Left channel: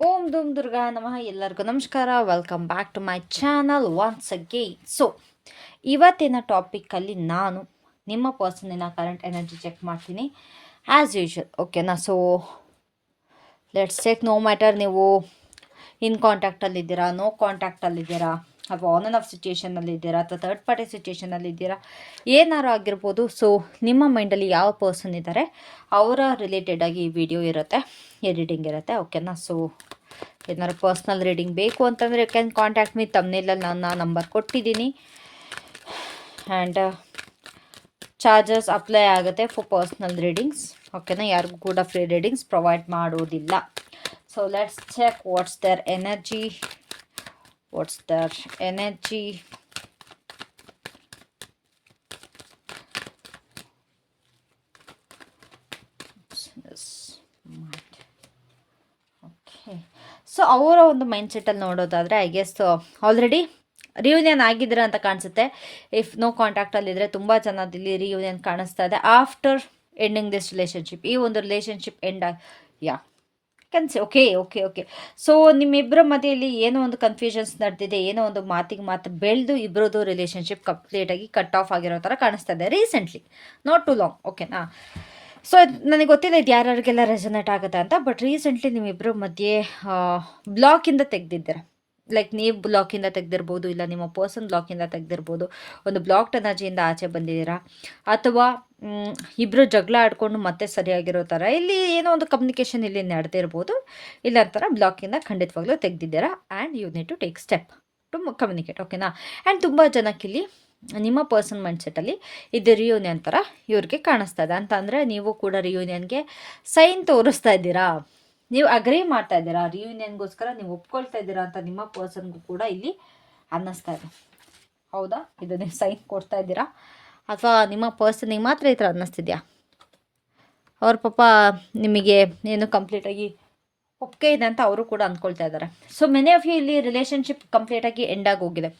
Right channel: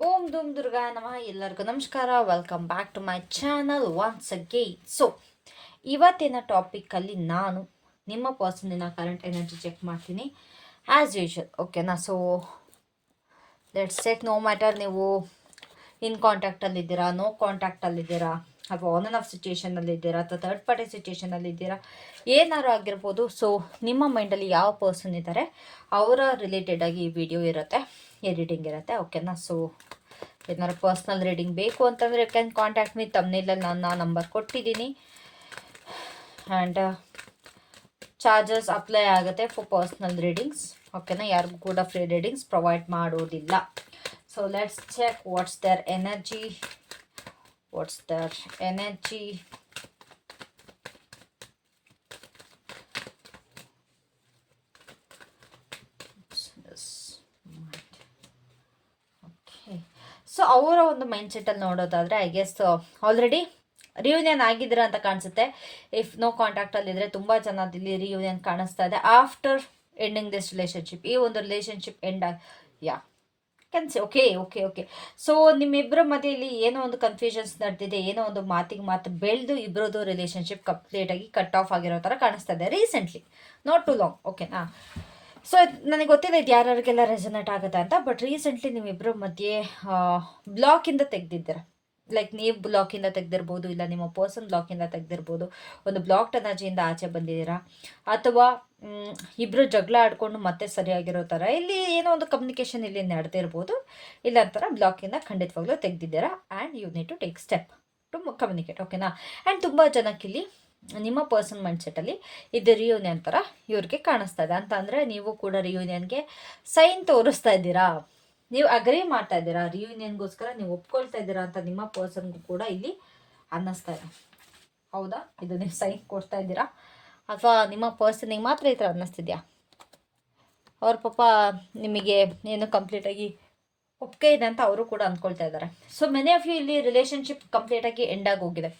ಓಂ ಧೂಮ್ ದುರ್ಗಾ ನಮಃ ಎಲ್ಲರಿಗೂ ನಮಸ್ಕಾರ. Welcome back to my channel once again so ಇವತ್ತಿನ ಟಾಪಿಕ್ಕಲ್ಲಿ ನಾನು ನಿಮ್ಮ ಪರ್ಸನಿನ ಕರೆಂಟ್ ಎನರ್ಜಿ ಚೆಕ್ ಮಾಡ್ತೀನಿ. ಆ್ಯಸ್ ಯೂಶ್ವಲ್ ಓಕೆನಾ so let's check no matter ನೀವು ಇನ್ ಕಾಂಟ್ಯಾಕ್ಟಲ್ಲಿದ್ದೀರಾ ನೋ ಕಾಂಟ್ಯಾಕ್ಟಲ್ಲಿದ್ದೀರಾ ಅಥವಾ ಆನ್ ಆನ್ ಆಫ್ ಸಿಚುಯೇಷನಲ್ಲಿದ್ದೀರಾ ಅಥವಾ ಥರ್ಡ್ ಪಾರ್ಟಿ ಸಿಚುಯೇಷನಲ್ಲಿದ್ದೀರಾ ಏನಾರು ಆಗಿರ್ಬೋದು. ಸೊ ನಿಮ್ಮ ಮೈಂಡಲ್ಲಿ ಯಾವ ಪರ್ಸನ್ ಇದ್ದಾರೆ ಅವರ ರಿಲೇಟೆಡ್ ಆಗಿ ಈ ವಿಡಿಯೋ ಇರುತ್ತೆ ಎಡಿಟಿಂಗ್ ಇರುತ್ತೆ ಓಕೆನಾ ಸೊ ಏನಾದ್ರು ಪರ್ಸ್ನಲ್ ರೀಡಿಂಗ್ ಬೇಕು ಅಂತಂದರೆ ಯು ಕ್ಯಾನ್ ಕಾಂಟ್ಯಾಕ್ಟ್ ಮೀ ತಮ್ಮನೇಲಲ್ಲಿ ನಾನು ನಂಬರ್ ಕೊಟ್ಟಿದ್ದೀನಿ. ಆ್ಯಂಡ್ ಚಾರ್ಜಸ್ ಅಪ್ಲೈ ಆಗುತ್ತೆ ಫಾರ್ ಪರ್ಸ್ನಲ್ ರೀಡಿಂಗ್ಸ್ ಓಕೆನಾ ಯಾರಿಗೂ ಕೂಡ ಫ್ರೀ ರೀಡಿಂಗ್ಸ್ ಪ್ರೊವೈಡ್ ಮಾಡೋದಿಲ್ಲ. So let's check what's their energy what's that okay so ಅವರ ಒಂದು ಮೈಂಡ್ ಸೆಟ್ಟಲ್ಲಿ ನೋಡೋದಾದರೆ ಐ ಗೆಸ್ ಆಲ್ರೆಡಿ ರಿಯೂನಿಯನ್ ಆಗಿದ್ದೀರಾ ಅಂತ ಕಾಣಿಸುತ್ತೆ. ಇಫ್ ನೋ ಕಾಂಟ್ಯಾಕ್ಟಲ್ಲಿದ್ದರೆ ತುಂಬ ಇಲ್ಲಿ ರಿಯೂನಿಯನ್ ಕಾಣಿಸ್ತಾ ಇದೆ. ಆಫ್ಟರ್ ಎಂಡಿಂಗ್ ದಿಸ್ ರಿಲೇಷನ್ಶಿಪ್ ಈ ಒಂದು ರಿಲೇಷನ್ಶಿಪ್ ಎಂಡ್ ಯಾ ಕನ್ಸಿ ಓಕೆ ಓಕೆ ಓಕೆ ಸೊ ನಿಮ್ಮಿಬ್ಬರ ಮಧ್ಯೆಯಲ್ಲಿ ಏನೋ ಒಂದು ಕನ್ಫ್ಯೂಷನ್ಸ್ ನಡೆದಿದೆ, ಏನೋ ಒಂದು ಮಾತಿಗೆ ಮಾತು ಬೆಳೆದು ಇಬ್ಬರದು ರಿಲೇಷನ್ಶಿಪ್ ಕಂಪ್ಲೀಟಾಗಿ ಕಟ್ ಆಫ್ ಆಗಿರೋ ಥರ ಕಾಣಿಸ್ತಾ ಇದೆ ರೀಸೆಂಟ್ಲಿ ನಾಟ್ ಟು ಲಾಂಗ್ ಓಕೆನಾ ಸೊ ನನಗೆ ಗೊತ್ತಿದೆ ಇದು ಯಾರ್ಯಾರಿಗೆಲ್ಲ ರೆಸನೇಟ್ ಆಗುತ್ತೆ ಅಂತ ಬಟ್ ರೀಸೆಂಟ್ಲಿ ನಿಮ್ಮಿಬ್ಬರ ಮಧ್ಯೆ ಬ್ಲಾಕಿಂದ ತೆಗೆದಿದ್ದೀರ. ಲೈಕ್ ನೀವು ಬ್ಲಾಕಿಂದ ತೆಗೆದಿರ್ಬೋದು, ಇಲ್ಲ ನಿಮ್ಮ ಪರ್ಸನ್ ಬ್ಲಾಕಿಂದ ತೆಗೆದಿರ್ಬೋದು, ಒಂದು ಬ್ಲಾಕ್ ಎನರ್ಜಿಯಿಂದ ಆಚೆ ಬಂದಿದ್ದೀರಾ? ಅಥವಾ ಇಬ್ಬರು ಜಗಳ ಆಡ್ಕೊಂಡು ಮತ್ತೆ ಸರಿಯಾಗಿರೋ ಥರ ಇಲ್ಲಿ ಏನೋ ಒಂದು ಕಮ್ಯುನಿಕೇಷನ್ ಇಲ್ಲಿ ನಡೆದಿರ್ಬೋದು ಇಲ್ಲ ಥರ ಬ್ಲಾಕಿಂದ ಖಂಡಿತವಾಗ್ಲೂ ತೆಗೆದಿದ್ದೀರಾ? And you need to take step to communicate ಓಕೆನಾ ಆ್ಯಂಡ್ ತುಂಬ ಜನಕ್ಕಿಲ್ಲಿ ನಿಮ್ಮ ಪರ್ಸನ್ ಮೈಂಡ್ಸೆಟ್ಟಲ್ಲಿ ಇದು ರಿಯೂನಿಯನ್ ಥರ ಇವ್ರಿಗೆ ಕಾಣಿಸ್ತಾ ಇದೆ. ಅಂತ ಅಂದರೆ ನೀವು ಕೂಡ ರಿಯೂನಿಯನ್ಗೆ ಸೈನ್ ತೋರಿಸ್ತಾ ಇದ್ದೀರಾ? ನೀವು ಅಗ್ರಿ ಮಾಡ್ತಾ ಇದ್ದೀರಾ? ರಿಯೂನಿಯನ್ಗೋಸ್ಕರ ನೀವು ಒಪ್ಕೊಳ್ತಾ ಇದ್ದೀರಾ ಅಂತ ನಿಮ್ಮ ಪರ್ಸನ್ಗೂ ಕೂಡ ಇಲ್ಲಿ ಅನ್ನಿಸ್ತಾ ಇದೆ. ಹೌದಾ? ಇದು ನೀವು ಸೈನ್ ಕೊಡ್ತಾ ಇದ್ದೀರಾ? ಅಥವಾ ನಿಮ್ಮ ಪರ್ಸನಿಗೆ ಮಾತ್ರ ಈ ಥರ ಅನ್ನಿಸ್ತಿದ್ಯಾ? ಅವ್ರ ಪಾಪ ನಿಮಗೆ ಏನು ಕಂಪ್ಲೀಟಾಗಿ ಒಪ್ಪಿಗೆ ಇದೆ ಅಂತ ಅವರು ಕೂಡ ಅಂದ್ಕೊಳ್ತಾ ಇದ್ದಾರೆ. ಸೊ ಮೆನಿ ಆಫ್ ಯು ಇಲ್ಲಿ ರಿಲೇಷನ್ಶಿಪ್ ಕಂಪ್ಲೀಟಾಗಿ ಎಂಡ್ ಆಗಿ ಹೋಗಿದೆ.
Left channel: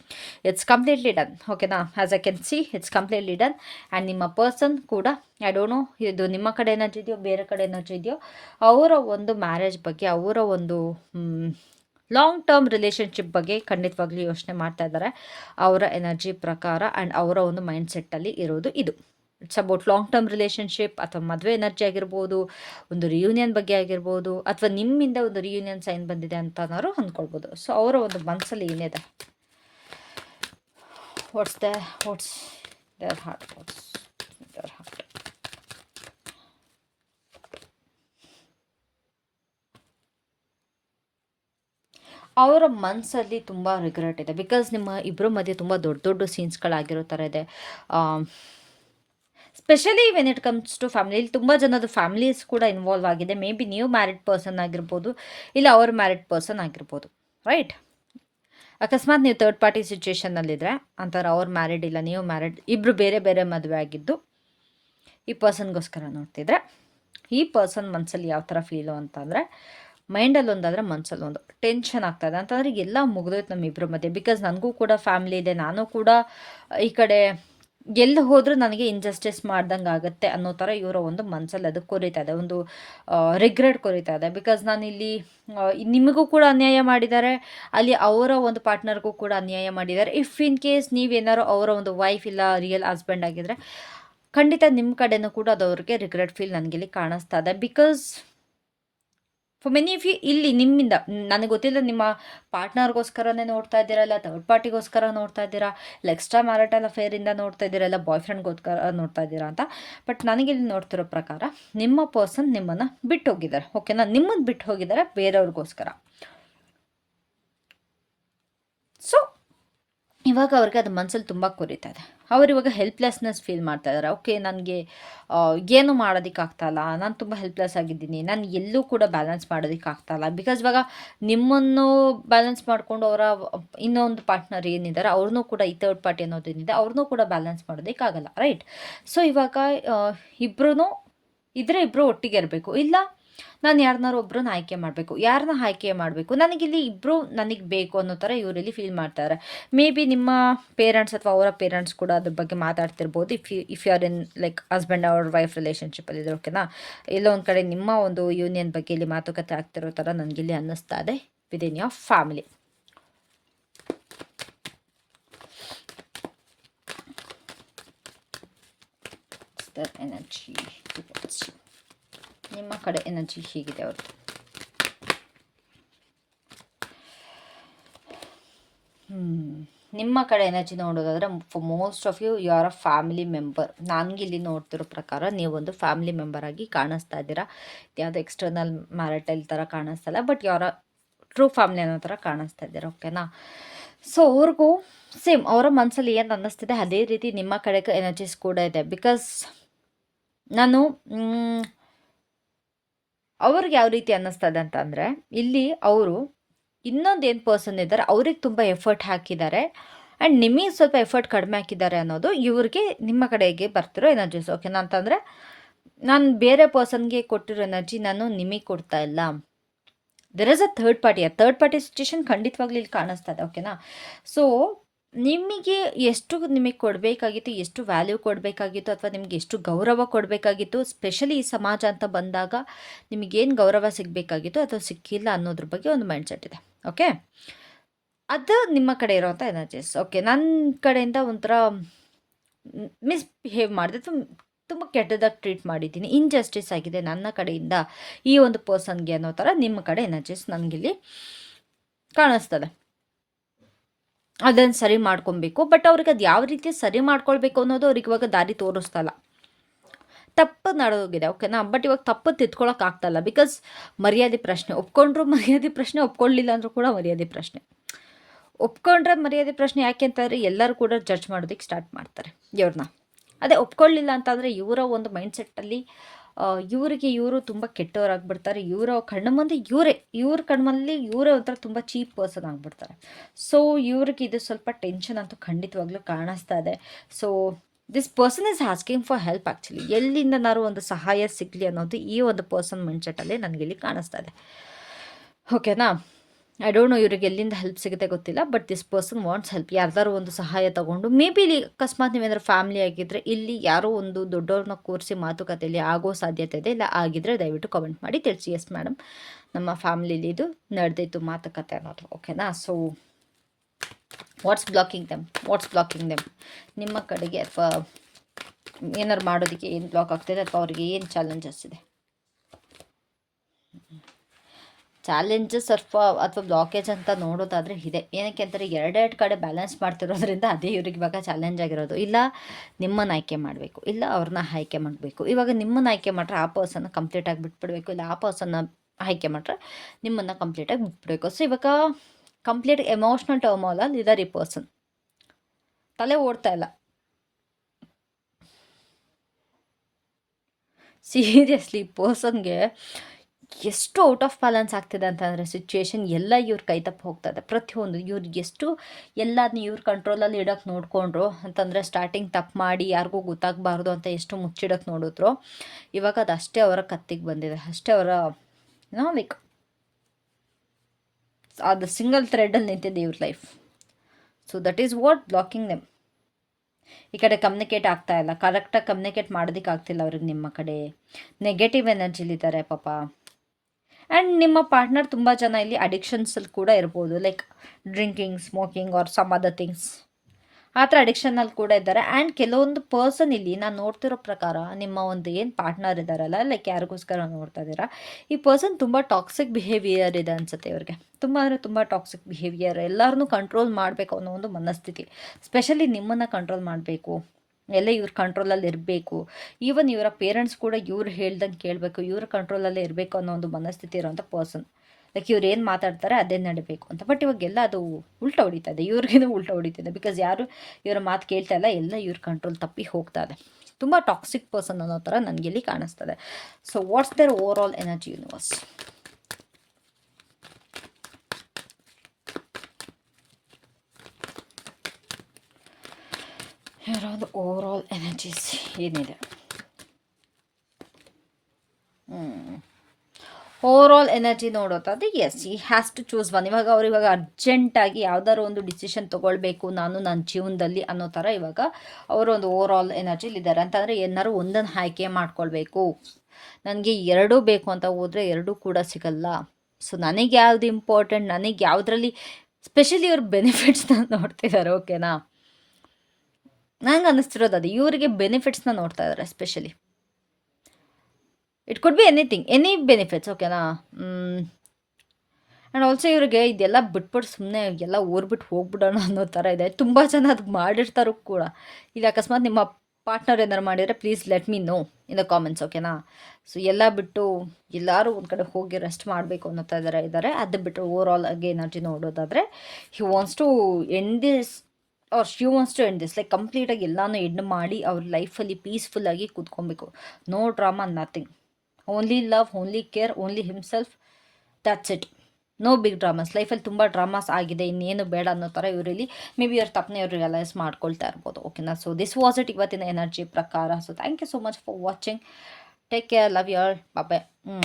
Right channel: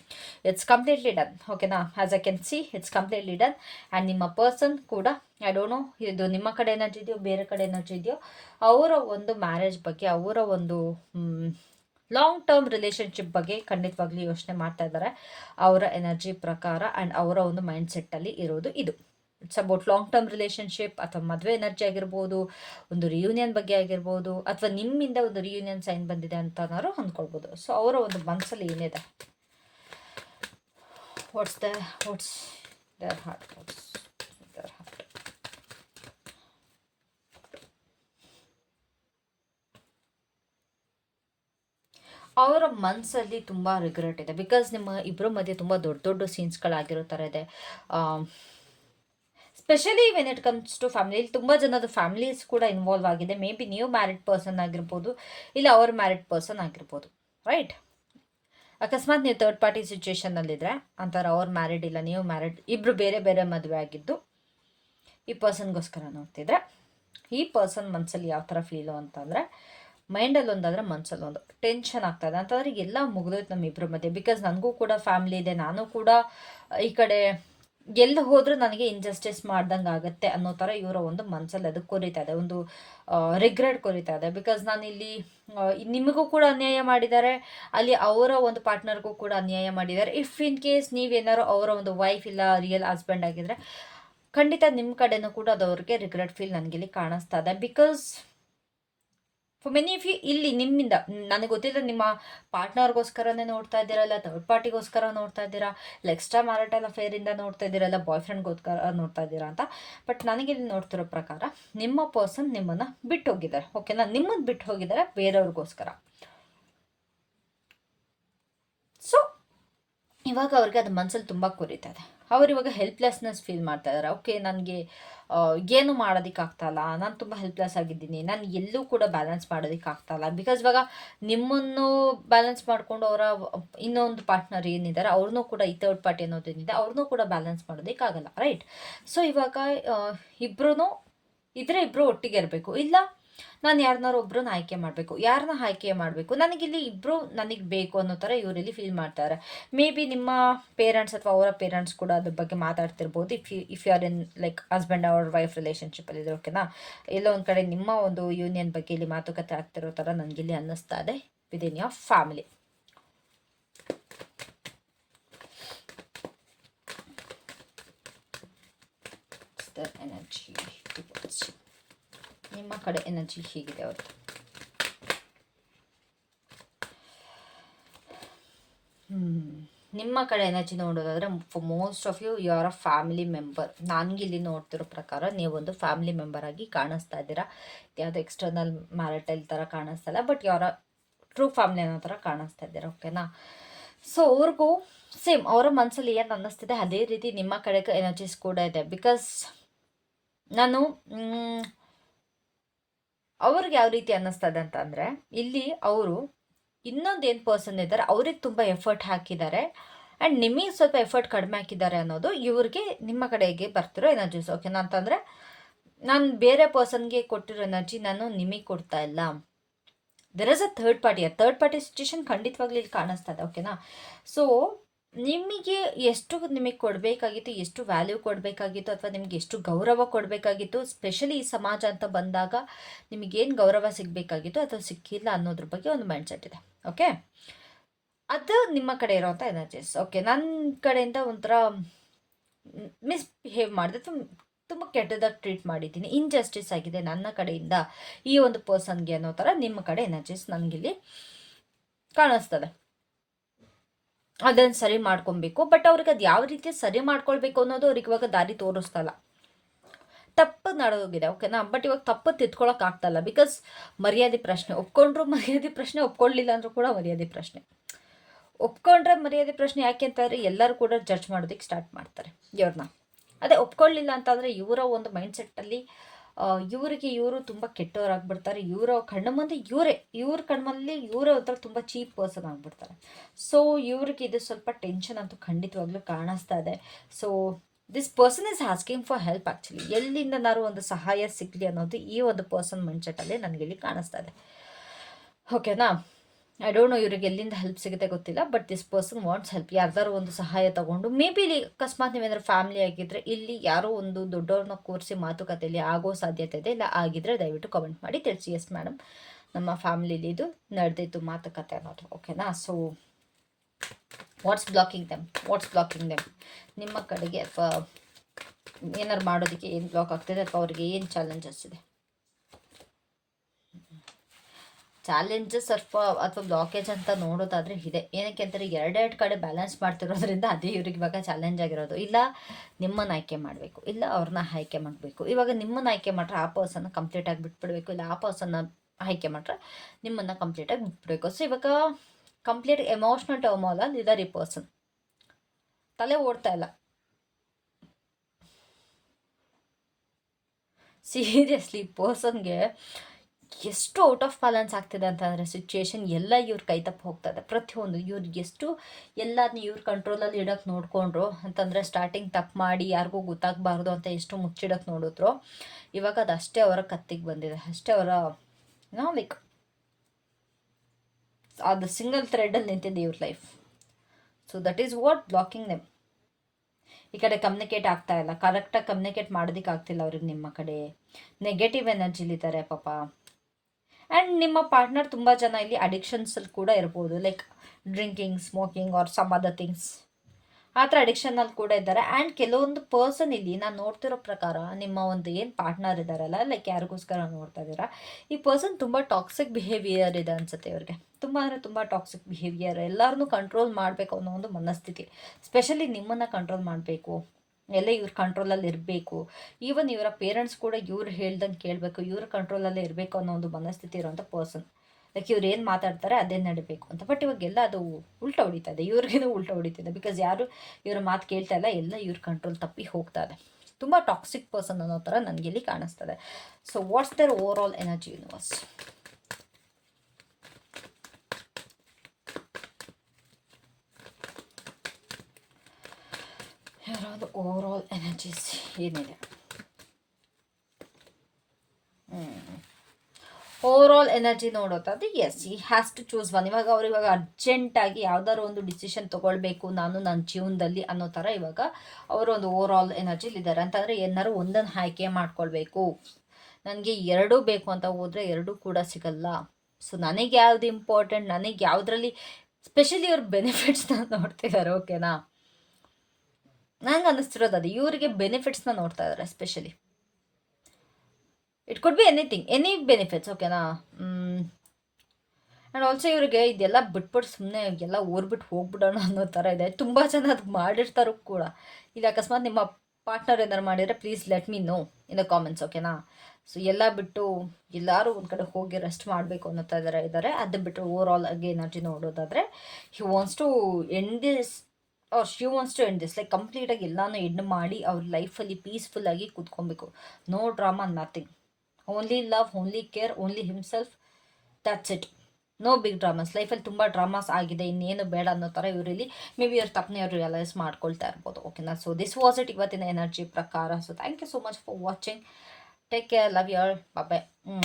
ಇಟ್ಸ್ ಕಂಪ್ಲೀಟ್ಲಿ ಡನ್ ಓಕೆನಾ as I can see it's completely done and ನಿಮ್ಮ ಪರ್ಸನ್ ಕೂಡ ಐ ಡೋಂಟ್ ನೋ ಇದು ನಿಮ್ಮ ಕಡೆ ಏನಾದ್ರು ಇದೆಯೋ, ಬೇರೆ ಕಡೆ ಏನಾದ್ರು ಇದೆಯೋ, ಅವರ ಒಂದು ಮ್ಯಾರೇಜ್ ಬಗ್ಗೆ, ಅವರ ಒಂದು ಲಾಂಗ್ ಟರ್ಮ್ ರಿಲೇಷನ್ಶಿಪ್ ಬಗ್ಗೆ ಖಂಡಿತವಾಗ್ಲೂ ಯೋಚನೆ ಮಾಡ್ತಾ ಇದ್ದಾರೆ. ಅವರ ಎನರ್ಜಿ ಪ್ರಕಾರ ಆ್ಯಂಡ್ ಅವರ ಒಂದು ಮೈಂಡ್ ಸೆಟ್ಟಲ್ಲಿ ಇರೋದು ಇದು. It's about long term relationship ಅಥವಾ ಮದುವೆ ಎನರ್ಜಿ ಆಗಿರ್ಬೋದು, ಒಂದು ರಿಯೂನಿಯನ್ ಬಗ್ಗೆ ಆಗಿರ್ಬೋದು, ಅಥವಾ ನಿಮ್ಮಿಂದ ಒಂದು ರಿಯೂನಿಯನ್ ಸೈನ್ ಬಂದಿದೆ ಅಂತನಾದ್ರು ಅಂದ್ಕೊಳ್ಬೋದು ಸೊ ಅವರ ಒಂದು ಮನಸ್ಸಲ್ಲಿ ಏನಿದೆ? What's the what's their heart what's their heart ಅವರ ಮನಸ್ಸಲ್ಲಿ ತುಂಬ ರಿಗ್ರೆಟ್ ಇದೆ. ಬಿಕಾಸ್ ನಿಮ್ಮ ಇಬ್ಬರ ಮಧ್ಯೆ ತುಂಬ ದೊಡ್ಡ ದೊಡ್ಡ ಸೀನ್ಸ್ಗಳಾಗಿರೋ ಥರ ಇದೆ. Specially when it comes to family ತುಂಬ ಜನದ ಫ್ಯಾಮಿಲೀಸ್ ಕೂಡ ಇನ್ವಾಲ್ವ್ ಆಗಿದೆ. Maybe new married person ಆಗಿರ್ಬೋದು, ಇಲ್ಲ ಅವ್ರ ಮ್ಯಾರಿಡ್ ಪರ್ಸನ್ ಆಗಿರ್ಬೋದು ರೈಟ್ ಅಕಸ್ಮಾತ್ ನೀವು ತರ್ಡ್ ಪಾರ್ಟಿ ಸಿಚುವೇಷನ್ನಲ್ಲಿದ್ದರೆ ಅಂತಾರೆ ಅವ್ರು ಮ್ಯಾರಿಡ್ ಇಲ್ಲ, ನೀವು ಮ್ಯಾರಿಡ್ ಇಬ್ಬರು ಬೇರೆ ಬೇರೆ ಮದುವೆ ಆಗಿದ್ದು, ಈ ಪರ್ಸನ್ಗೋಸ್ಕರ ನೋಡ್ತಿದ್ರೆ, ಈ ಪರ್ಸನ್ ಮನಸ್ಸಲ್ಲಿ ಯಾವ ಥರ ಫೀಲು ಅಂತಂದರೆ ಮೈಂಡಲ್ಲಿ ಒಂದಾದರೆ ಮನಸ್ಸಲ್ಲಿ ಒಂದು ಟೆನ್ಷನ್ ಆಗ್ತಾಯಿದೆ ಅಂತಂದರೆ ಎಲ್ಲ ಮುಗಿದೋಯ್ತು ನಮ್ಮಿಬ್ಬರ ಮಧ್ಯೆ. ಬಿಕಾಸ್ ನನಗೂ ಕೂಡ ಫ್ಯಾಮಿಲಿ ಇದೆ, ನಾನು ಕೂಡ ಈ ಕಡೆ ಎಲ್ಲಿ ಹೋದರೂ ನನಗೆ ಇನ್ಜಸ್ಟಿಸ್ ಮಾಡ್ದಂಗೆ ಆಗುತ್ತೆ ಅನ್ನೋ ಥರ ಇವರ ಒಂದು ಮನಸ್ಸಲ್ಲಿ ಅದು ಕೊರಿತಾ ಇದೆ, ಒಂದು ರಿಗ್ರೆಟ್ ಕೊರಿತಾ ಇದೆ. ಬಿಕಾಸ್ ನಾನಿಲ್ಲಿ ನಿಮಗೂ ಕೂಡ ಅನ್ಯಾಯ ಮಾಡಿದ್ದಾರೆ, ಅಲ್ಲಿ ಅವರ ಒಂದು ಪಾರ್ಟ್ನರ್ಗೂ ಕೂಡ ಅನ್ಯಾಯ ಮಾಡಿದ್ದಾರೆ. ಇಫ್ ಇನ್ ಕೇಸ್ ನೀವೇನಾರು ಅವರ ಒಂದು ವೈಫ್ ಇಲ್ಲ ರಿಯಲ್ ಹಸ್ಬೆಂಡ್ ಆಗಿದ್ರೆ, ಖಂಡಿತ ನಿಮ್ಮ ಕಡೆನೂ ಕೂಡ ಅದು ಅವ್ರಿಗೆ ರಿಗ್ರೆಟ್ ಫೀಲ್ ನನಗಿಲ್ಲಿ ಕಾಣಿಸ್ತಾ ಇದೆ. Because for many of you ಇಲ್ಲಿ ನಿಮ್ಮಿಂದ, ನನಗೆ ಗೊತ್ತಿಲ್ಲ, ನಿಮ್ಮ ಪಾರ್ಟ್ನರ್ಗೋಸ್ಕರನೇ ನೋಡ್ತಾ ಇದ್ದೀರಾ, ಇಲ್ಲ ಥರ್ಡ್ ಪಾರ್ಟಿಗೋಸ್ಕರ ನೋಡ್ತಾ ಇದ್ದೀರಾ, ಇಲ್ಲ ಎಕ್ಸ್ಟ್ರಾ ಮ್ಯಾರಿಟಲ್ ಅಫೇರಿಂದ ನೋಡ್ತಾ ಇದ್ದೀರಾ, ಇಲ್ಲ ಬಾಯ್ ಫ್ರೆಂಡ್ಗೋಸ್ಕರ ನೋಡ್ತಾ ಇದ್ದೀರಾ ಅಂತ. ಬಟ್ ನನಗಿಲ್ಲಿ ನೋಡ್ತಿರೋ ಪ್ರಕಾರ, ನಿಮ್ಮ ಪರ್ಸನ್ ನಿಮ್ಮನ್ನು ಬಿಟ್ಟು ಹೋಗಿದ್ದಾರೆ ಓಕೆನಾ ನಿಮ್ಮನ್ನು ಬಿಟ್ಟು ಹೋಗಿದ್ದಾರೆ ಬೇರೆಯವ್ರಿಗೋಸ್ಕರ ಸೊ ಇವಾಗ ಅವ್ರಿಗೆ ಅದು ಮನಸ್ಸಲ್ಲಿ ತುಂಬ ಕೊರಿತದೆ. ಅವ್ರು ಇವಾಗ ಹೆಲ್ಪ್ಲೆಸ್ನೆಸ್ ಫೀಲ್ ಮಾಡ್ತಾ ಇದ್ದಾರೆ ಓಕೆ ನನಗೆ ಏನು ಮಾಡೋದಕ್ಕಾಗ್ತಾಯಿಲ್ಲ ನಾನು ತುಂಬ ಹೆಲ್ಪ್ಲೆಸ್ ಆಗಿದ್ದೀನಿ. ನಾನು ಎಲ್ಲೂ ಕೂಡ ಬ್ಯಾಲೆನ್ಸ್ ಮಾಡೋದಕ್ಕಾಗ್ತಾಯಿಲ್ಲ ಬಿಕಾಸ್ ಇವಾಗ ನಿಮ್ಮನ್ನು ಬ್ಯಾಲೆನ್ಸ್ ಮಾಡಿಕೊಂಡು ಅವರ, ಇನ್ನೊಂದು ಪಾರ್ಟ್ನರ್ ಏನಿದ್ದಾರೆ ಅವ್ರನ್ನೂ ಕೂಡ, ಈ ಥರ್ಡ್ ಪಾರ್ಟಿ ಅನ್ನೋದೇನಿದೆ ಅವ್ರನ್ನೂ ಕೂಡ ಬ್ಯಾಲೆನ್ಸ್ ಮಾಡೋದಕ್ಕಾಗಲ್ಲ. ರೈಟ್ ಸೊ ಇವಾಗ ಇಬ್ಬರೂ ಇದ್ರೆ ಇಬ್ಬರು ಒಟ್ಟಿಗೆ ಇರಬೇಕು. ಇಲ್ಲ ನಾನು ಯಾರನ್ನಾರು ಒಬ್ಬರನ್ನ ಆಯ್ಕೆ ಮಾಡಬೇಕು, ಯಾರನ್ನ ಆಯ್ಕೆ ಮಾಡಬೇಕು, ನನಗಿಲ್ಲಿ ಇಬ್ಬರು ನನಗೆ ಬೇಕು ಅನ್ನೋ ಥರ ಇವರಲ್ಲಿ ಫೀಲ್ ಮಾಡ್ತಾರೆ. ಮೇ ಬಿ ನಿಮ್ಮ ಪೇರೆಂಟ್ಸ್ ಅಥವಾ ಅವರ ಪೇರೆಂಟ್ಸ್ ಕೂಡ ಅದ್ರ ಬಗ್ಗೆ ಮಾತಾಡ್ತಿರ್ಬೋದು if you if you are in like husband ಅವ್ರ ವೈಫ್ ರಿಲೇಷನ್ಶಿಪ್ಪಲ್ಲಿ ಇದ್ರೆ ಓಕೆನಾ ಎಲ್ಲೋ ಒಂದು ಕಡೆ ನಿಮ್ಮ ಒಂದು ಯೂನಿಯನ್ ಬಗ್ಗೆ ಇಲ್ಲಿ ಮಾತುಕತೆ ಆಗ್ತಿರೋ ಥರ ನನಗಿಲ್ಲಿ ಅನ್ನಿಸ್ತಾ ಇದೆ. ಇನ್ ಯೋರ್ ಫ್ಯಾಮಿಲಿ ಎನರ್ಜಿ ನಿಮ್ಮ ಕಡೆ ಎನರ್ಜಿ ಹೀಗಿದೆ ಅವರು ನಿಮ್ಮ ಕಡೆ ಎನರ್ಜಿ ನೋಡೋದಾದ್ರೆ for most of you you are a family member ನನಗಿಲ್ಲಿ ನೋಡ್ತಿರೋ ಪ್ರಕಾರ ನೀವೊಂದು ಫ್ಯಾಮಿಲಿ ಮೆಂಬರ್ ಆಗಿ ಕಾಣಿಸ್ತಾ ಇದ್ದೀರಾ. ಯಾವುದೋ ಎಕ್ಸ್ಟರ್ನಲ್ ಮ್ಯಾರಿಟಲ್ ಥರ ಕಾಣಿಸ್ತಾ ಇಲ್ಲ ಬಟ್ ಯಾರ ಟ್ರೂ ಫ್ಯಾಮಿಲಿ ಅನ್ನೋ ಥರ ಕಾಣಿಸ್ತಾ ಇದ್ದೀರಾ ಓಕೆನಾ ಸೊ ಅವ್ರಿಗೂ ಸೇಮ್ ಅವರ ಮನಸ್ಸಲ್ಲಿ ಏನು ಅನ್ನಿಸ್ತಿದೆ, ಅದೇ ರೀತಿ ನಿಮ್ಮ ಕಡೆಗೆ ಎನರ್ಜೀಸ್ ಕೂಡ ಇದೆ ಬಿಕಾಸ್ ನಾನು ಅವ್ರಿಗೆ ಯಾವ ರೀತಿ ಅನ್ನಿಸ್ತದೆ ಅಂತಂದರೆ, ಇಲ್ಲಿ ಅವರು ಇನ್ನೊಂದು ಏನು ಪರ್ಸನ್ ಇದ್ದಾರೆ, ಅವ್ರಿಗೆ ತುಂಬ ಎಫರ್ಟ್ ಹಾಕಿದ್ದಾರೆ. ಆ್ಯಂಡ್ ನಿಮಗೆ ಸ್ವಲ್ಪ ಎಫರ್ಟ್ ಕಡಿಮೆ ಹಾಕಿದ್ದಾರೆ ಅನ್ನೋದು ಇವ್ರಿಗೆ ನಿಮ್ಮ ಕಡೆಗೆ ಬರ್ತಿರೋ ಎನರ್ಜೀಸ್ ಓಕೆನಾ ಅಂತಂದರೆ ನಾನು ಬೇರೆ ಪರ್ಸನ್ಗೆ ಕೊಟ್ಟಿರೋ ಎನರ್ಜಿ ನಾನು ನಿಮಗೆ ಕೊಡ್ತಾ ಇಲ್ಲ. There is a third party ಆ ಥರ್ಡ್ ಪಾರ್ಟಿ ಸಿಚುಯೇಷನ್ ಖಂಡಿತವಾಗ್ಲೂ ಇಲ್ಲಿ ಕಾಣಿಸ್ತದೆ ಓಕೆನಾ ಸೊ ನಿಮಗೆ ಎಷ್ಟು ನಿಮಗೆ ಕೊಡಬೇಕಾಗಿತ್ತು, ಎಷ್ಟು ವ್ಯಾಲ್ಯೂ ಕೊಡಬೇಕಾಗಿತ್ತು ಅಥವಾ ನಿಮಗೆ ಎಷ್ಟು ಗೌರವ ಕೊಡಬೇಕಾಗಿತ್ತು ಸ್ಪೆಷಲಿ ಈ ಸಮಾಜ ಅಂತ ಬಂದಾಗ ನಿಮಗೇನು ಗೌರವ ಸಿಗಬೇಕಾಗಿತ್ತು ಅಥವಾ ಸಿಕ್ಕಿಲ್ಲ ಅನ್ನೋದ್ರ ಬಗ್ಗೆ ಒಂದು ಮೈಂಡ್ಸೆಟ್ ಇದೆ ಓಕೆ ಅದು ನಿಮ್ಮ ಕಡೆ ಇರೋವಂಥ ಎನರ್ಜೀಸ್ ಓಕೆ ನನ್ನ ಕಡೆಯಿಂದ ಒಂಥರ ಮಿಸ್ಬಿಹೇವ್ ಮಾಡಿದೆ ತುಂಬ ಕೆಟ್ಟದಾಗಿ ಟ್ರೀಟ್ ಮಾಡಿದ್ದೀನಿ ಇನ್ಜಸ್ಟಿಸ್ ಆಗಿದೆ ನನ್ನ ಕಡೆಯಿಂದ ಈ ಒಂದು ಪರ್ಸನ್ಗೆ ಅನ್ನೋ ಥರ ನಿಮ್ಮ ಕಡೆ ಎನರ್ಜೀಸ್ ನನಗಿಲ್ಲಿ ಕಾಣಿಸ್ತದೆ. ಅದನ್ನು ಸರಿ ಮಾಡ್ಕೊಬೇಕು. ಬಟ್ ಅವ್ರಿಗೆ ಅದು ಯಾವ ರೀತಿ ಸರಿ ಮಾಡ್ಕೊಳ್ಬೇಕು ಅನ್ನೋದು ಅವ್ರಿಗೆ ಇವಾಗ ದಾರಿ ತೋರಿಸ್ತಲ್ಲ. ತಪ್ಪು ನಡೆದೋಗಿದೆ ಓಕೆನಾ ಬಟ್ ಇವಾಗ ತಪ್ಪು ತಿದ್ಕೊಳಕ್ ಆಗ್ತಲ್ಲ. ಬಿಕಾಸ್ ಮರ್ಯಾದೆ ಪ್ರಶ್ನೆ, ಒಪ್ಕೊಂಡ್ರು ಮರ್ಯಾದೆ ಪ್ರಶ್ನೆ, ಒಪ್ಕೊಳ್ಳಿಲ್ಲ ಅಂದರೂ ಕೂಡ ಮರ್ಯಾದೆ ಪ್ರಶ್ನೆ. ಒಪ್ಕೊಂಡ್ರೆ ಮರ್ಯಾದೆ ಪ್ರಶ್ನೆ ಯಾಕೆ ಅಂತಂದರೆ ಎಲ್ಲರೂ ಕೂಡ ಜಡ್ಜ್ ಮಾಡೋದಕ್ಕೆ ಸ್ಟಾರ್ಟ್ ಮಾಡ್ತಾರೆ, ಇವ್ರನ್ನ. ಅದೇ ಒಪ್ಕೊಳ್ಳಿಲ್ಲ ಅಂತಂದರೆ ಇವರ ಒಂದು ಮೈಂಡ್ಸೆಟ್ಟಲ್ಲಿ ಇವರಿಗೆ ಇವರು ತುಂಬ ಕೆಟ್ಟವರಾಗ್ಬಿಡ್ತಾರೆ. ಇವರ ಕಣ್ಣ ಮುಂದೆ ಇವರೇ, ಇವ್ರ ಕಣ್ಮಲ್ಲಿ ಇವರೇ ಒಂಥರ ತುಂಬ ಚೀಪ್ ಪರ್ಸನ್ ಆಗಿಬಿಡ್ತಾರೆ. ಸೊ ಇವ್ರಿಗೆ ಇದು ಸ್ವಲ್ಪ ಟೆನ್ಷನ್ ಅಂತೂ ಖಂಡಿತವಾಗ್ಲೂ ಕಾಣಿಸ್ತಾ ಇದೆ. So this person is asking for help actually ಎಲ್ಲಿಂದನಾರು ಒಂದು ಸಹಾಯ ಸಿಗಲಿ ಅನ್ನೋದು ಈ ಒಂದು ಪರ್ಸನ್ ಮೈಂಡ್ಸೆಟ್ಟಲ್ಲಿ ನನಗೆ ಇಲ್ಲಿ ಕಾಣಿಸ್ತಾ ಇದೆ. ಓಕೆನಾ ಐ ಡೋಂಟ್ ನೋ ಇವ್ರಿಗೆ ಎಲ್ಲಿಂದ ಹೆಲ್ಪ್ ಸಿಗುತ್ತೆ ಗೊತ್ತಿಲ್ಲ but this person wants help ಯಾರ್ದಾರು ಒಂದು ಸಹಾಯ ತಗೊಂಡು ಮೇ ಬಿ ಇಲ್ಲಿ ಅಕಸ್ಮಾತ್ ನೀವೇನಾದ್ರು ಫ್ಯಾಮಿಲಿ ಆಗಿದ್ರೆ, ಇಲ್ಲಿ ಯಾರೋ ಒಂದು ದೊಡ್ಡವ್ರನ್ನ ಕೂರಿಸಿ ಮಾತುಕತೆಯಲ್ಲಿ ಆಗೋ ಸಾಧ್ಯತೆ ಇದೆ, ಇಲ್ಲ ಆಗಿದ್ರೆ ದಯವಿಟ್ಟು ಕಮೆಂಟ್ ಮಾಡಿ ತಿಳಿಸಿ. ಎಸ್ ಮೇಡಮ್ ನಮ್ಮ ಫ್ಯಾಮಿಲಿಲಿ ಇದು ನಡೆದಿತ್ತು ಮಾತುಕತೆ ಅನ್ನೋದು. ಓಕೆನಾ so what's blocking them what's blocking them ನಿಮ್ಮ ಕಡೆಗೆ ಅಥವಾ ಏನಾರು ಮಾಡೋದಕ್ಕೆ ಏನು ಬ್ಲಾಕ್ ಆಗ್ತಿದೆ, ಅಥವಾ ಅವರಿಗೆ ಏನು ಚಾಲೆಂಜಸ್ ಇದೆ? ಚಾಲೆಂಜಸ್ ಸರ್ಫ ಅಥವಾ ಬ್ಲಾಕೇಜ್ ಅಂತ ನೋಡೋದಾದರೆ ಇದೆ. ಏನಕ್ಕೆ ಅಂತಾರೆ ಎರಡೆರಡು ಕಡೆ ಬ್ಯಾಲೆನ್ಸ್ ಮಾಡ್ತಿರೋದ್ರಿಂದ ಅದೇ ಇವ್ರಿಗೆ ಇವಾಗ ಚಾಲೆಂಜ್ ಆಗಿರೋದು. ಇಲ್ಲ ನಿಮ್ಮನ್ನು ಆಯ್ಕೆ ಮಾಡಬೇಕು. ಇಲ್ಲ ಅವ್ರನ್ನ ಆಯ್ಕೆ ಮಾಡಬೇಕು. ಇವಾಗ ನಿಮ್ಮನ್ನು ಆಯ್ಕೆ ಮಾಡ್ರೆ ಆ ಪರ್ಸನ್ನ ಕಂಪ್ಲೀಟಾಗಿ ಬಿಟ್ಬಿಡಬೇಕು. ಇಲ್ಲ ಆ ಪರ್ಸನ್ನ ಆಯ್ಕೆ ಮಾಡ್ರೆ ನಿಮ್ಮನ್ನು ಕಂಪ್ಲೀಟಾಗಿ ಬಿಟ್ಬಿಡಬೇಕು. ಸೊ ಇವಾಗ ಕಂಪ್ಲೀಟ್ ಎಮೋಷ್ನಲ್ ಟರ್ಮೋಲಲ್ಲಿ ಇದ್ದಾರೆ ಈ ಪರ್ಸನ್ ತಲೆ ಓಡ್ತಾ ಇಲ್ಲ. ಸೀರಿಯಸ್ಲಿ ಪರ್ಸನ್ಗೆ ಎಷ್ಟು ಔಟ್ ಆಫ್ ಬ್ಯಾಲೆನ್ಸ್ ಆಗ್ತಿದೆ ಅಂತಂದರೆ ಸಿಚುಯೇಷನ್ ಎಲ್ಲ ಇವ್ರ ಕೈ ತಪ್ಪು ಹೋಗ್ತದೆ ಪ್ರತಿಯೊಂದು ಇವ್ರು ಎಷ್ಟು ಎಲ್ಲದನ್ನ ಇವ್ರ ಕಂಟ್ರೋಲಲ್ಲಿ ಇಡೋಕೆ ನೋಡಿಕೊಂಡ್ರು ಅಂತಂದರೆ ಸ್ಟಾರ್ಟಿಂಗ್ ತಪ್ಪು ಮಾಡಿ ಯಾರಿಗೂ ಗೊತ್ತಾಗಬಾರ್ದು ಅಂತ ಎಷ್ಟು ಮುಚ್ಚಿಡೋಕೆ ನೋಡಿದ್ರು, ಇವಾಗ ಅದು ಅಷ್ಟೇ ಅವರ ಕತ್ತಿಗೆ ಬಂದಿದೆ. ಅಷ್ಟೇ ಅವರ ನೋ ಲೈಕ್ ಅದು ಸಿಂಗಲ್ ಥ್ರೆಡಲ್ಲಿ ನಿಂತಿದೆ ಇವ್ರ life so that is what blocking them ಈ ಕಡೆ ಕಮ್ಯುನಿಕೇಟ್ ಆಗ್ತಾ ಇಲ್ಲ. ಕರೆಕ್ಟಾಗಿ ಕಮ್ಯುನಿಕೇಟ್ ಮಾಡೋದಕ್ಕೆ ಆಗ್ತಿಲ್ಲ ಅವ್ರಿಗೆ ನಿಮ್ಮ ಕಡೆ. ನೆಗೆಟಿವ್ ಎನರ್ಜಿಲಿದ್ದಾರೆ ಪಾಪ. ಆ್ಯಂಡ್ ನಿಮ್ಮ ಪಾರ್ಟ್ನರ್ ತುಂಬ ಜನ ಇಲ್ಲಿ ಅಡಿಕ್ಷನ್ಸಲ್ಲಿ ಕೂಡ ಇರ್ಬೋದು. Like drinking smoking or some other things ಆ ಥರ ಅಡಿಕ್ಷನಲ್ಲಿ ಕೂಡ ಇದ್ದಾರೆ. ಆ್ಯಂಡ್ ಕೆಲವೊಂದು ಪರ್ಸನ್ ಇಲ್ಲಿ ನಾನು ನೋಡ್ತಿರೋ ಪ್ರಕಾರ ನಿಮ್ಮ ಒಂದು ಏನು ಪಾರ್ಟ್ನರ್ ಇದ್ದಾರಲ್ಲ ಲೈಕ್ ಯಾರಿಗೋಸ್ಕರ ನೋಡ್ತಾ ಇದ್ದೀರಾ, ಈ ಪರ್ಸನ್ ತುಂಬ ಟಾಕ್ಸಿಕ್ ಬಿಹೇವಿಯರ್ ಇದೆ ಅನ್ಸುತ್ತೆ ಇವ್ರಿಗೆ. ತುಂಬ ಅಂದರೆ ತುಂಬ ಟಾಕ್ಸಿಕ್ ಬಿಹೇವಿಯರ್ ಎಲ್ಲರನ್ನೂ ಕಂಟ್ರೋಲ್ ಮಾಡಬೇಕು ಅನ್ನೋ ಒಂದು ಮನಸ್ಥಿತಿ. ಸ್ಪೆಷಲಿ ನಿಮ್ಮನ್ನು ಕಂಟ್ರೋಲ್ ಮಾಡಬೇಕು. ಎಲ್ಲ ಇವ್ರ ಕಂಟ್ರೋಲಲ್ಲಿ ಇರಬೇಕು. ಈವನ್ ಇವರ ಪೇರೆಂಟ್ಸ್ ಕೂಡ ಇವ್ರು ಹೇಳ್ದಂಗೆ ಕೇಳಬೇಕು, ಇವ್ರ ಕಂಟ್ರೋಲಲ್ಲೇ ಇರಬೇಕು ಅನ್ನೋ ಒಂದು ಮನಸ್ಥಿತಿ ಇರೋಂಥ ಪರ್ಸನ್ ಲೈಕ್ ಇವ್ರು ಏನು ಮಾತಾಡ್ತಾರೆ ಅದೇ ನಡಿಬೇಕು ಅಂತ. ಬಟ್ ಇವಾಗೆಲ್ಲ ಅದು ಉಲ್ಟಾ ಹೊಡಿತಾ ಇದೆ. ಇವ್ರಿಗೇನು ಉಲ್ಟಾ ಹೊಡಿತಿದೆ ಬಿಕಾಸ್ ಯಾರು ಇವರ ಮಾತು ಕೇಳ್ತಾ ಇಲ್ಲ, ಎಲ್ಲ ಇವ್ರ ಕಂಟ್ರೋಲ್ ತಪ್ಪಿ ಹೋಗ್ತಾ ಇದೆ. ತುಂಬ ಟಾಕ್ಸಿಕ್ ಪರ್ಸನ್ ಅನ್ನೋ ಥರ ನನಗೆ ಇಲ್ಲಿ ಕಾಣಿಸ್ತದೆ so what's their overall energy universe ಯಾರಾவது over all energies ಏನಿದೆ ಓವರ್ ಆಲ್ ಎನರ್ಜಿ ನೋಡೋದಾದ್ರೆ she has to choose one ಇವಾಗ ಅವ್ರು ಇವಾಗ ಅರ್ಜೆಂಟಾಗಿ ಯಾವ್ದಾದ್ರು ಒಂದು ಡಿಸಿಷನ್ ತೊಗೊಳ್ಬೇಕು ನಾನು ನನ್ನ ಜೀವನದಲ್ಲಿ ಅನ್ನೋ ಥರ ಇವಾಗ ಅವರು ಒಂದು ಓವರ್ ಆಲ್ ಎನರ್ಜಿಲಿದ್ದಾರೆ ಅಂತಂದರೆ ಏನಾರು ಒಂದನ್ನು ಆಯ್ಕೆ ಮಾಡ್ಕೊಳ್ಬೇಕು. ನನಗೆ ಎರಡೂ ಬೇಕು ಅಂತ ಹೋದರೆ ಎರಡೂ ಕೂಡ ಸಿಗಲ್ಲ. ಸೊ ನನಗೆ ಯಾವ್ದು ಇಂಪಾರ್ಟೆಂಟ್ ನನಗೆ ಯಾವುದರಲ್ಲಿ ಸ್ಪೆಷಲಿ ಇವ್ರ ಬೆನಿಫಿಟ್ಸ್ನ ನೋಡ್ತಿದ್ದಾರೆ ಓಕೆನಾ ನಂಗೆ ಅನ್ನಿಸ್ತಿರೋದು ಅದು. ಇವರಿಗೆ ಬೆನಿಫಿಟ್ಸ್ನ ನೋಡ್ತಾ ಇದ್ದಾರೆ especially it could be anything any benefits ಓಕೆನಾ ಆ್ಯಂಡ್ ಆಲ್ಸೋ ಇವ್ರಿಗೆ ಇದೆಲ್ಲ ಬಿಟ್ಬಿಟ್ಟು ಸುಮ್ಮನೆ ಎಲ್ಲ ಓರ್ಬಿಟ್ಟು ಹೋಗ್ಬಿಡೋಣ ಅನ್ನೋ ಥರ ಇದೆ. ತುಂಬ ಜನ ಅದು ಮಾಡಿರ್ತಾರೋ ಕೂಡ. ಇಲ್ಲಿ ಅಕಸ್ಮಾತ್ ನಿಮ್ಮ ಪಾರ್ಟ್ನರ್ ಏನಾರು ಮಾಡಿದರೆ please let me know in the comments ಓಕೆನಾ ಸೊ ಎಲ್ಲ ಬಿಟ್ಟು ಎಲ್ಲರೂ ಒಂದು ಕಡೆ ಹೋಗಿ ರೆಸ್ಟ್ ಮಾಡಬೇಕು ಅನ್ನೋ ಇದ್ದಾರೆ ಇದ್ದಾರೆ ಅದು ಬಿಟ್ಟು ಓವರ್ ಆಲ್ ಆಗಿ ಎನರ್ಜಿ ನೋಡೋದಾದರೆ he wants to end this ಅವ್ರ she wants to end this like ಕಂಪ್ಲೀಟಾಗಿ ಎಲ್ಲನೂ ಎಂಡ್ ಮಾಡಿ ಅವ್ರ ಲೈಫಲ್ಲಿ ಪೀಸ್ಫುಲ್ಲಾಗಿ ಕೂತ್ಕೊಬೇಕು. No drama nothing only love only care only himself that's it no big dramas ಲೈಫಲ್ಲಿ ತುಂಬ ಡ್ರಾಮಾಸ್ ಆಗಿದೆ, ಇನ್ನೇನು ಬೇಡ ಅನ್ನೋ ಥರ ಇವರಲ್ಲಿ ಮೇ ಬಿ ಅವ್ರ ತಪ್ಪನೆ ಅವ್ರು ರಿಯಲೈಸ್ ಮಾಡ್ಕೊಳ್ತಾ ಇರ್ಬೋದು. ಓಕೆನಾ ಸೊ ದಿಸ್ ವಾಸ್ ಇಟ್ ಇವತ್ತಿನ ಎನರ್ಜಿ ಪ್ರಕಾರ. So thank you so much for watching take care love your babe ಹ್ಞೂ